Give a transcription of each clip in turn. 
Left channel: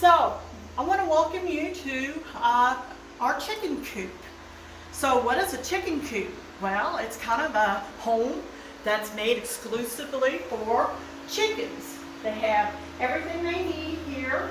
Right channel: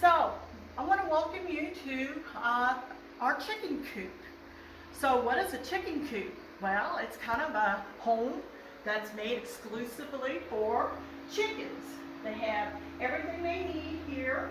So, I want to welcome you to our chicken coop. So, what is a chicken coop? Well, it's kind of a home that's made exclusively for chickens. They have everything they need here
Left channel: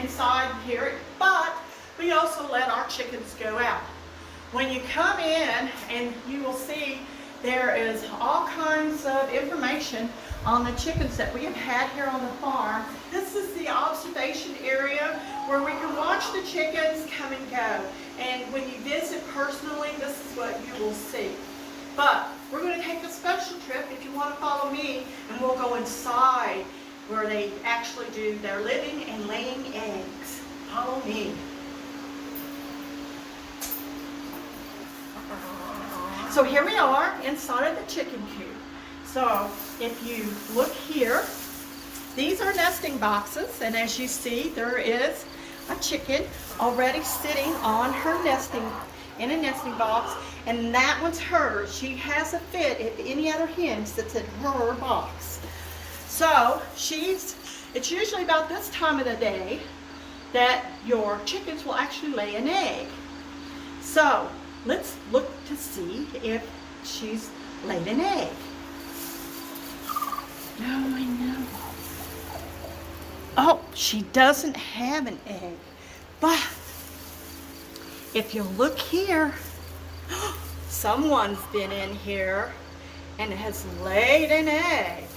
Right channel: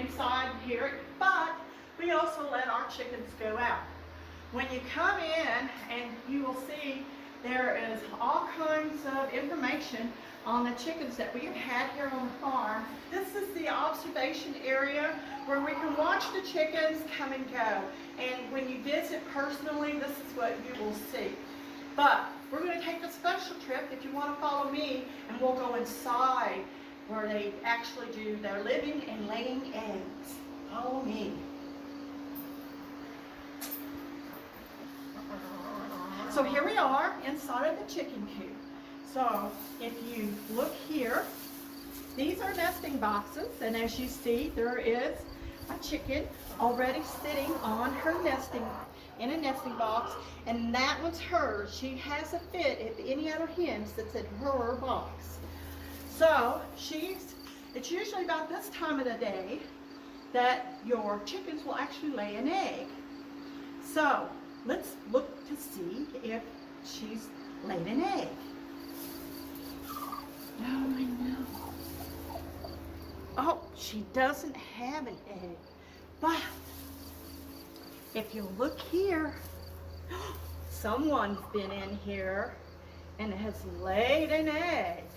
inside here, but we also let our chickens go out. When you come in, and you will see there is all kinds of information on the chickens that we have had here on the farm. This is the observation area where we can watch the chickens come and go. And when you visit personally, this is what you will see. But we're going to take a special trip if you want to follow me, and we'll go inside where they actually do their living and laying eggs. Follow me. So here we are inside of the chicken coop. So if you look here, these are nesting boxes, and as you see, there is a chicken already sitting on her in a nesting box, and that one's hers. She has a fit if any other hens that's in her box. So it's usually about this time of the day that your chickens will actually lay an egg. So let's look to see if she's laid an egg. No, I know. Oh, she doesn't have an egg. But if you look here, someone's been in here and has laid an egg.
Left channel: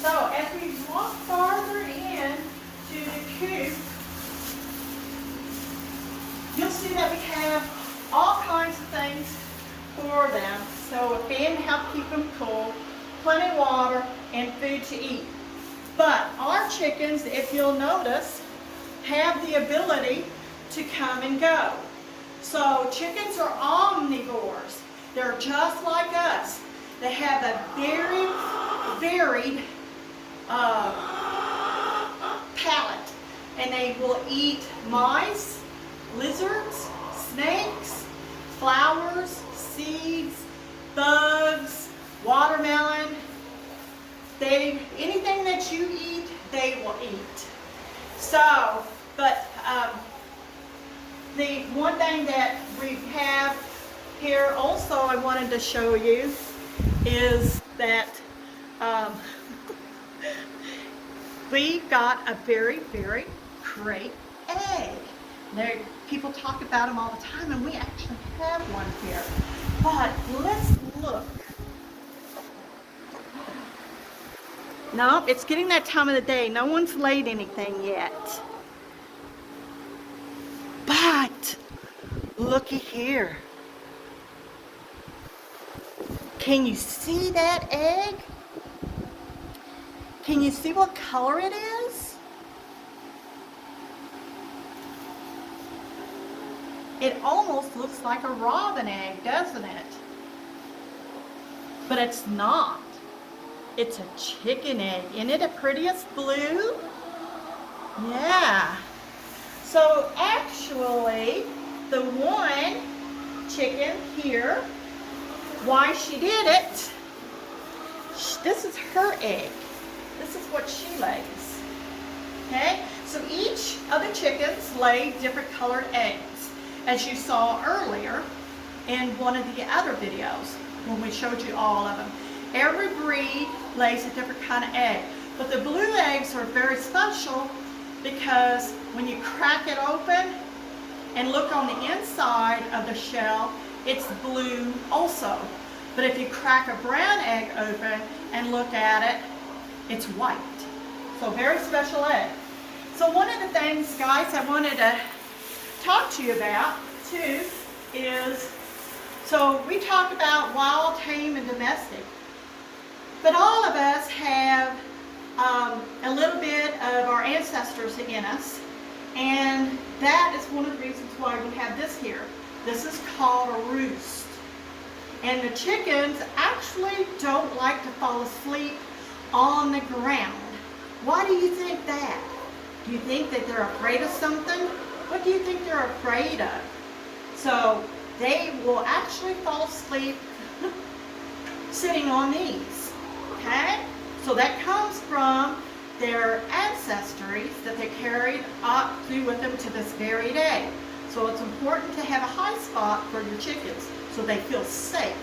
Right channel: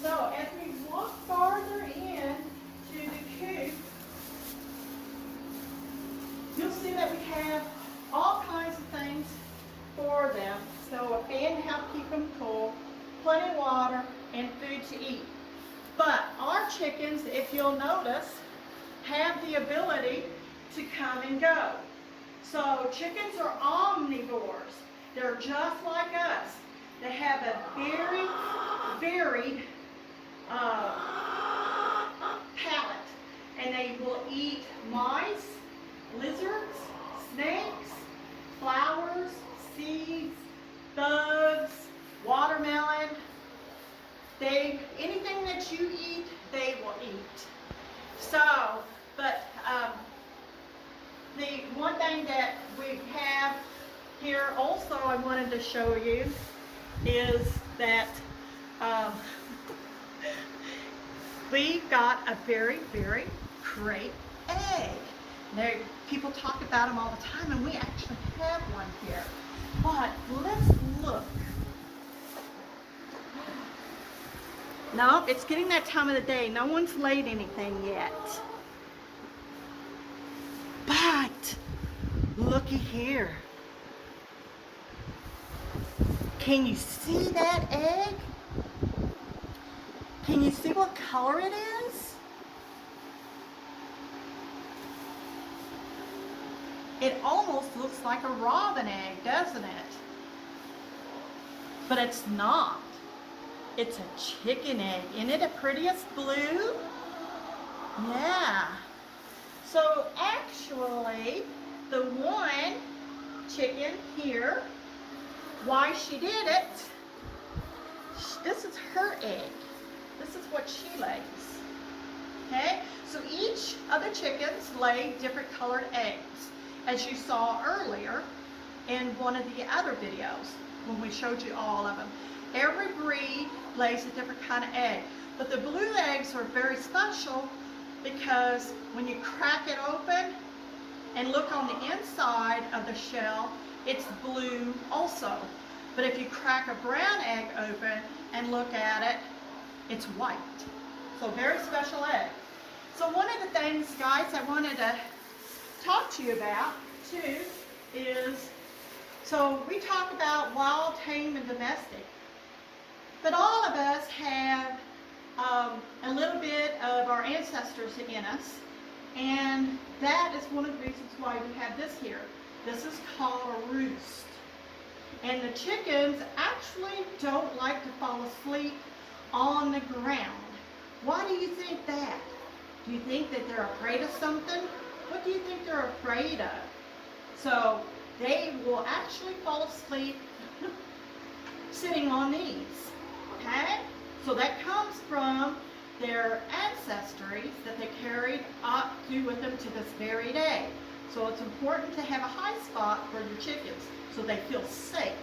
So as we walk farther in to the coop, you'll see that we have all kinds of things for them. So a fan to help keep them cool, plenty of water, and food to eat. But our chickens, if you'll notice, have the ability to come and go. So chickens are omnivores. They're just like us. They have a very varied palate, and they will eat mice, lizards, snakes, flowers, seeds, bugs, watermelon. Anything that you eat, they will eat. So, but the one thing that we have here also I wanted to show you is that we got a very, very great egg. People talk about them all the time, and we actually have one here. But let's look. No, it's getting that time of the day. No one's laid anything yet. But looky here. Can you see that egg? Can you see what color it is? It almost looks like a robin egg, doesn't it? But it's not. It's a chicken egg. Isn't it the prettiest blue? Yeah. So actually, the one chicken here, why she did it, this is her egg. This is what she lays. Okay? So each of the chickens lay different colored eggs, as you saw earlier in one of the other videos when we showed you all of them. Every breed lays a different kind of egg, but the blue eggs are very special because when you crack it open and look on the inside of the shell, it's blue also. But if you crack a brown egg open and look at it, it's white. So very special egg. So one of the things, guys, I wanted to talk to you about too is, so we talk about wild, tame, and domestic. But all of us have a little bit of our ancestors in us, and that is one of the reasons why we have this here. This is called a roost. And the chickens actually don't like to fall asleep on the ground. Why do you think that? Do you think that they're afraid of something? What do you think they're afraid of? So they will actually fall asleep sitting on these. Okay? So that comes from their ancestries that they carried up through with them to this very day. So it's important to have a high spot for your chickens so they feel safe.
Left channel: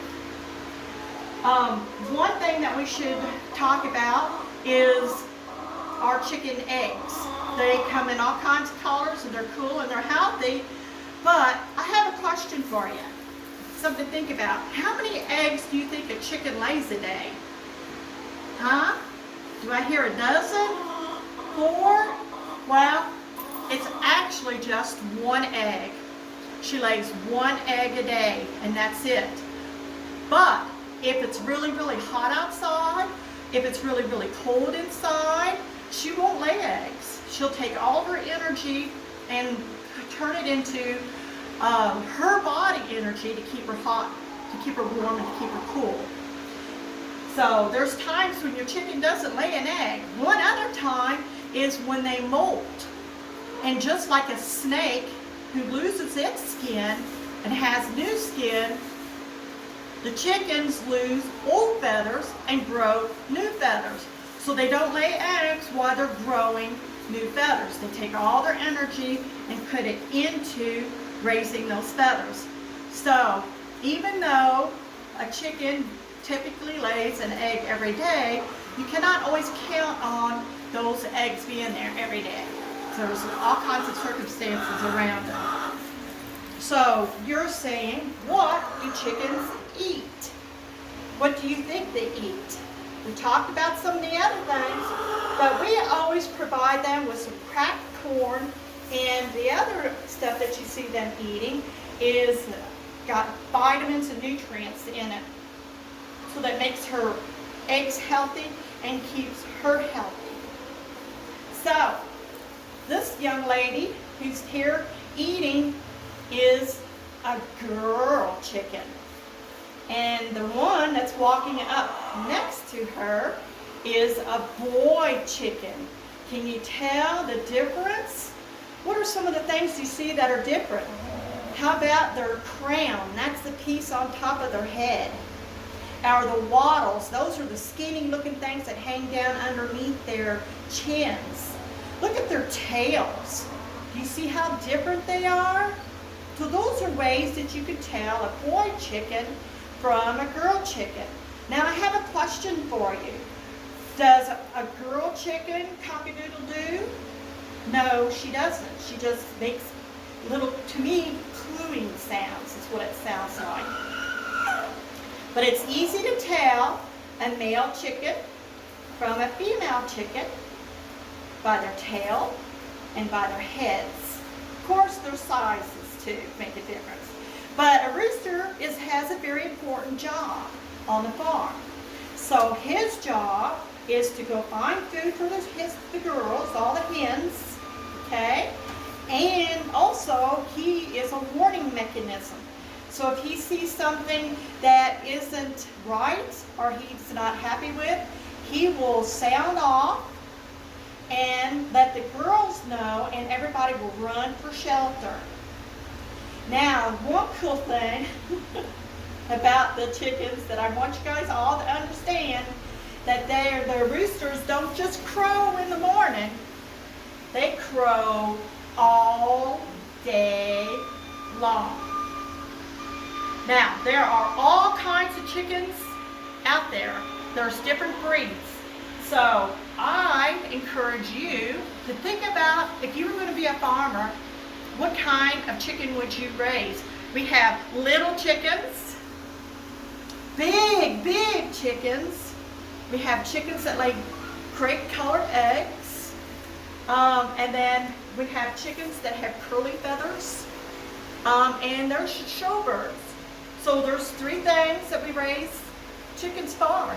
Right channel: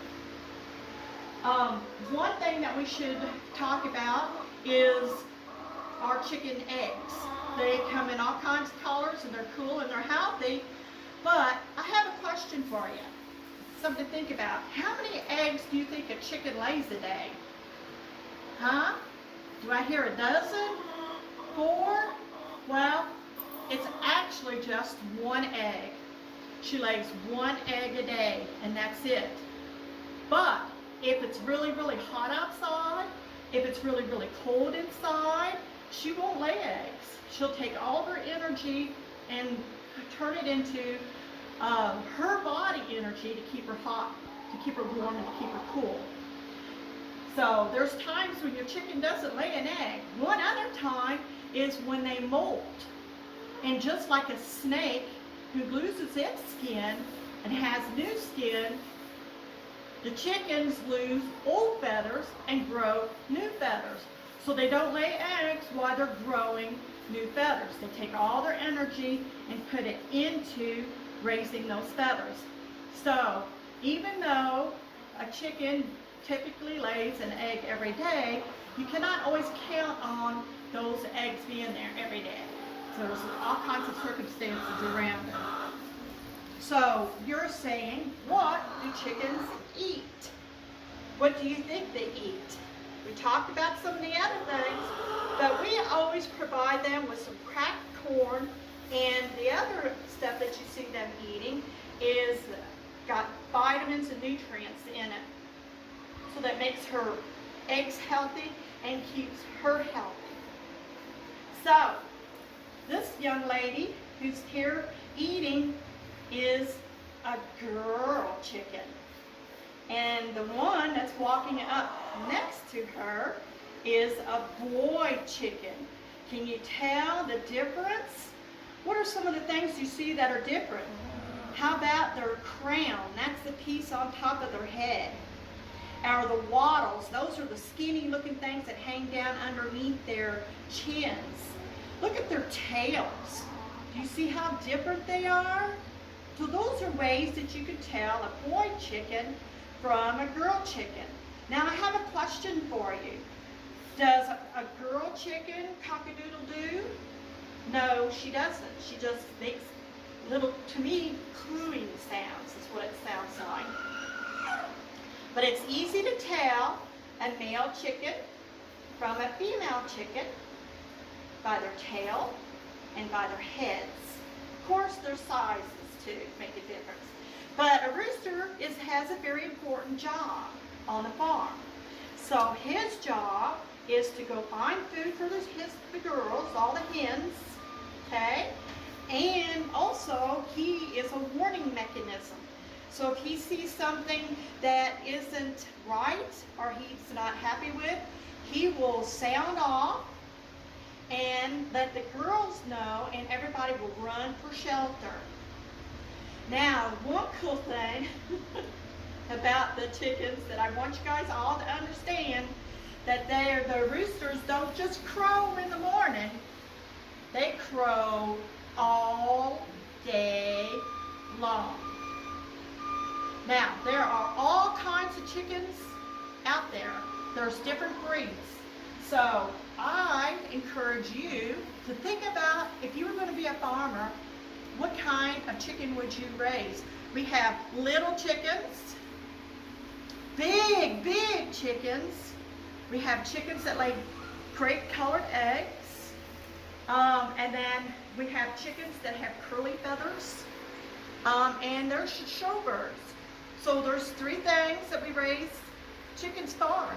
One thing that we should talk about is our chicken eggs. They come in all kinds of colors and they're cool and they're healthy. But I have a question for you. Something to think about. How many eggs do you think a chicken lays a day? Huh? Do I hear a dozen? 4? Well, it's actually just 1 egg. She lays 1 egg a day, and that's it. But if it's really, really hot outside, if it's really, really cold inside, she won't lay eggs. She'll take all of her energy and turn it into her body energy to keep her hot, to keep her warm, and to keep her cool. So there's times when your chicken doesn't lay an egg. One other time is when they molt. And just like a snake who loses its skin and has new skin, the chickens lose old feathers and grow new feathers. So they don't lay eggs while they're growing new feathers. They take all their energy and put it into raising those feathers. So even though a chicken typically lays an egg every day, you cannot always count on those eggs being there every day. There's all kinds of circumstances around it. So you're saying, what do chickens eat? What do you think they eat? We talked about some of the other things, but we always provide them with some cracked corn, and the other stuff that you see them eating is got vitamins and nutrients in it. So that makes her eggs healthy and keeps her healthy. So, this young lady who's here eating is a girl chicken. And the one that's walking up next to her is a boy chicken. Can you tell the difference? What are some of the things you see that are different? How about their crown? That's the piece on top of their head. Or the wattles, those are the skinny looking things that hang down underneath their chins. Look at their tails. Do you see how different they are? So those are ways that you can tell a boy chicken from a girl chicken. Now I have a question for you. Does a girl chicken cock-a-doodle-doo? No, she doesn't. She just makes little, to me, cooing sounds is what it sounds like. But it's easy to tell a male chicken from a female chicken by their tail and by their heads. Of course, their sizes too make a difference. But a rooster has a very important job on the farm. So his job is to go find food for the girls, all the hens, okay? And also, he is a warning mechanism. So if he sees something that isn't right or he's not happy with, he will sound off and let the girls know, and everybody will run for shelter. Now, one cool thing about the chickens that I want you guys all to understand, that the roosters don't just crow in the morning. They crow all day long. Now, there are all kinds of chickens out there. There's different breeds. So I encourage you to think about, if you were going to be a farmer, what kind of chicken would you raise? We have little chickens, big chickens. We have chickens that lay crepe-colored eggs. And then we have chickens that have curly feathers. And there's showbirds. So there's 3 things that we raise chickens for:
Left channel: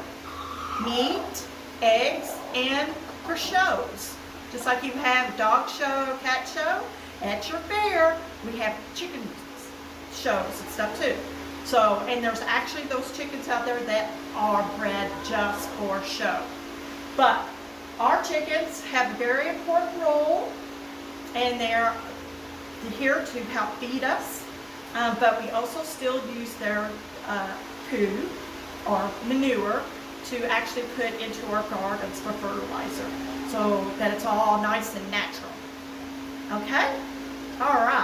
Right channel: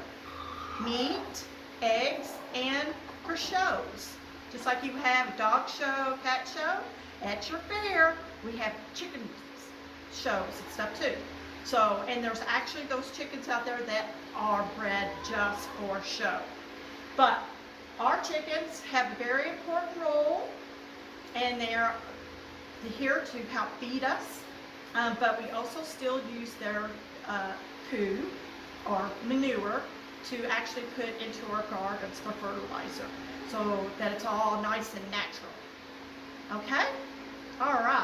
meat, eggs, and for shows. Just like you have dog show, cat show, at your fair, we have chicken shows and stuff too. So, and there's actually those chickens out there that are bred just for show. But our chickens have a very important role, and they're here to help feed us. But we also still use their poo or manure to actually put into our gardens for fertilizer so that it's all nice and natural. Okay? All right.